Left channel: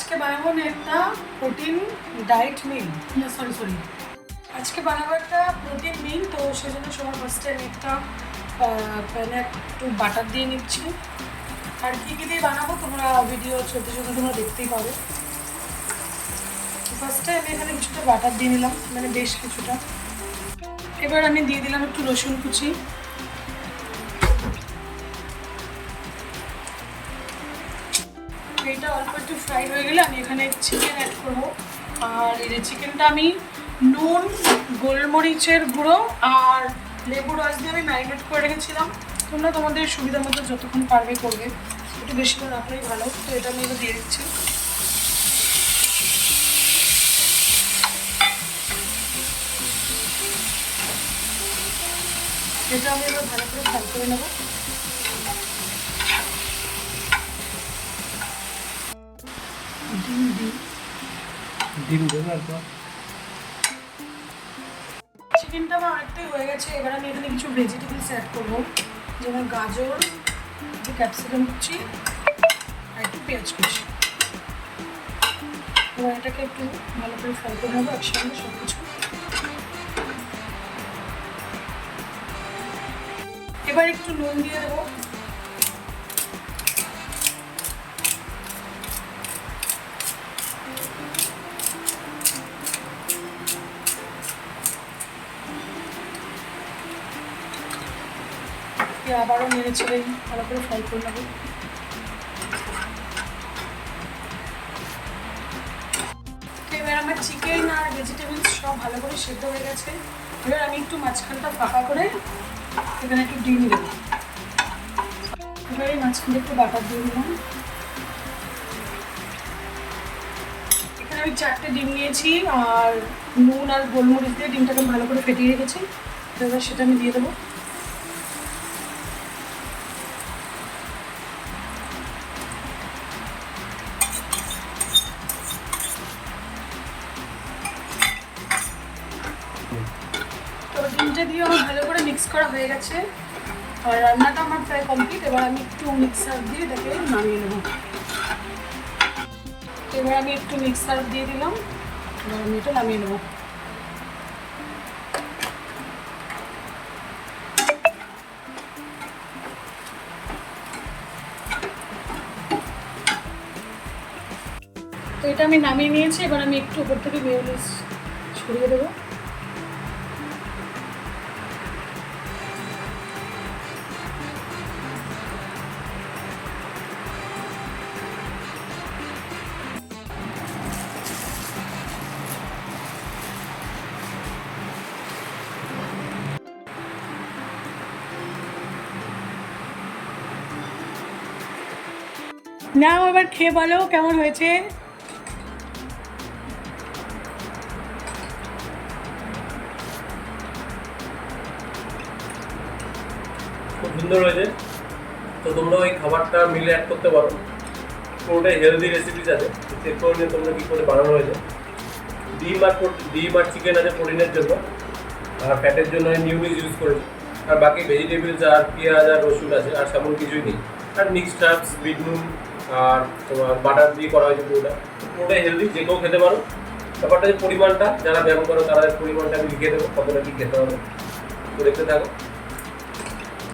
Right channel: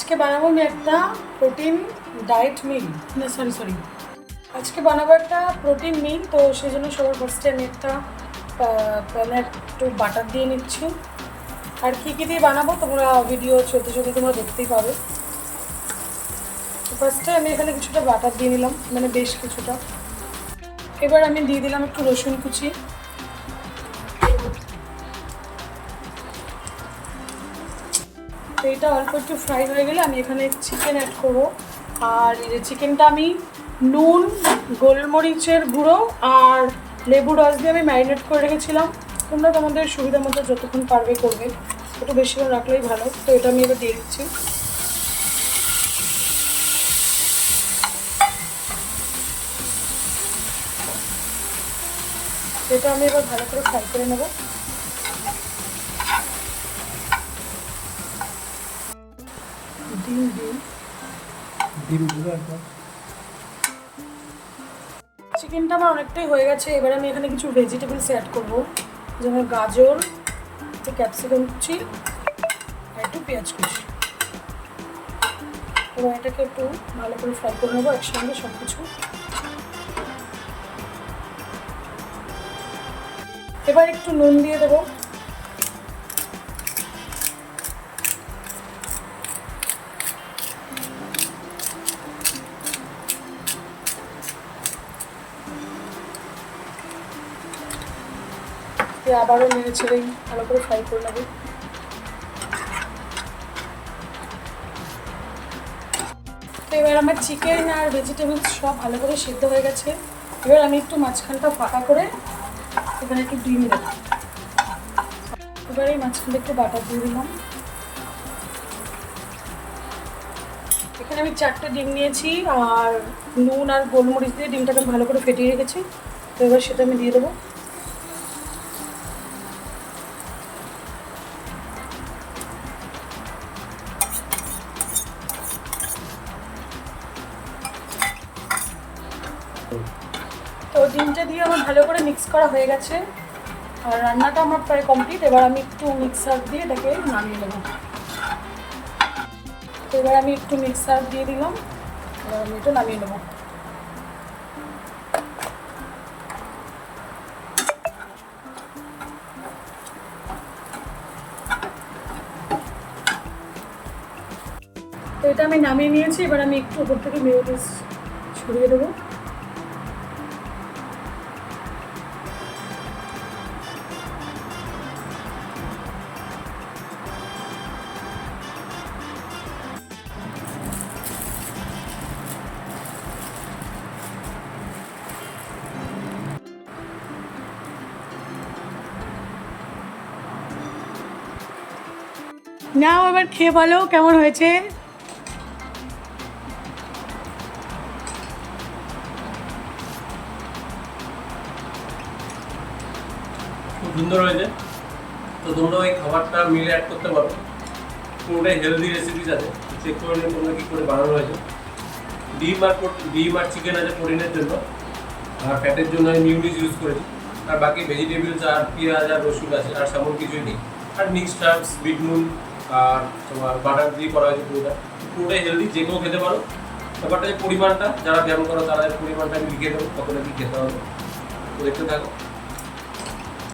আজকে বানাবো আমি একটা প্রোটিন ডায়েট মিল না সরি আজকে বানাবো একটা প্রোটিন মিল। তো সেই জন্য সবার ফার্স্টে আমি একটা প্যানে একটু বাটার দিয়ে নিচ্ছি। আর কী কী দিয়ে বানাবো তোমরা ভিডিও চলতে চলতে তোমরা দেখতেই পাবে। ফার্স্টে আমি এখানে কিছুটা বাটার দিয়ে নিলাম, মানে বেশ কিছুটা। এবার আমি দিয়ে দিলাম একটু রসুন কুচি। এইটা অল্প একটু ফ্রাই হয়ে গেলে আমি এখানে চিকেন অ্যাড করবো। আর এই চিকেনটা আমি নুন, গোলমরিচের গুঁড়ো আর লেবুর রস দিয়ে আমি ম্যারিনেট করে রেখেছিলাম। তোমরা তোমাদের সুবিধা মতো যতক্ষণ পারবে করবে, একটু বেশি করে রাখলেই ভালো। তো এটা আমি এবার দিয়ে দিচ্ছি। এটা আমি এবার ভালো করে ফ্রাই করে নেবো। ডিম দেবো এরপর। চিকেনটা আমার অনেকটাই হয়ে গেছে। এবার আমি এখানে কিছু ভেজিটেবলস অ্যাড করবো, যেমন গাজর, একটু ক্যাপসিকাম কুচি আর একটু পেঁয়াজ কুচি। এবার এটাকে একটু ভালো করে ফ্রাই করে নেবো একসঙ্গে সব কিছু। এবার একটু নুন দিয়ে দেবো। আবারও নেড়ে ছেড়ে ভালো করে ফ্রাই করে নেবো। এবার আমার চিকেন আর ভেজিটেবলস সব ভালো করে সিদ্ধ হয়ে গেছে। এবার আমি একটু মাঝখানটা ফাঁকা করে এখানে একটু ডিম দেবো। এবার এই মাঝখানে একটু বাটার দিয়ে দিলাম। এখানে আমি 4টে ডিম নিয়েছি আর নুন আর গোলমরিচ দিয়ে ডিমটাকে ভালো করে ফেটিয়ে রেখেছি। তো এবার সেটা আমি দিয়ে দেবো। তো ডিমটা দিয়ে আমার ভালো করে মিক্স করা হয়ে গেছে আর রান্নাটা আমার প্রায় কমপ্লিট। এবার আমি একটু মিক্সার দিয়ে এটাকে নামিয়ে নেব। এবার আমি একটু মিক্সার দিয়ে দিলাম। এবার আমি এটা নামিয়ে নেব। তো এটা আমি নামিয়ে নিয়েছি। এবার আমি একটু উপর থেকে মেয়োনিজ ছড়িয়ে দেবো। নাও আবার খেয়ে বলো কেমন হয়েছে। খুব সুন্দর হয়েছে। তো তোমরাও এই খাবারটা মিলে অ্যাড করতে পারো। পুরোটাই হেলদি রেসিপিস আছে, চেক করে নিয়ে তোমরা কী করে বানানো হয়েছে। ডিম আর চিকেন আছে প্রোটিনের জন্য, আর ফ্যাটের জন্য আমি মিউনিস ইউজ করেছি। আর বাকি ভেজিটেবলস আর পেঁয়াজ আর রসুন আছে, আর সেমন কিছুই নেই। আর মিক্সড হার্বস, বিট নুন আর তোমার বাটার দিয়ে করা হয়েছে। পুরোটাই হেলদি, যে কেউ খেতে পারো। ব্যাপারটা যে পরিমাণটা, যারা ব্যায়াম করো তারা পরিমাণটা আমি লিখে দেবো কতটা কী খেতে হবে। তো দেখতে থাকো।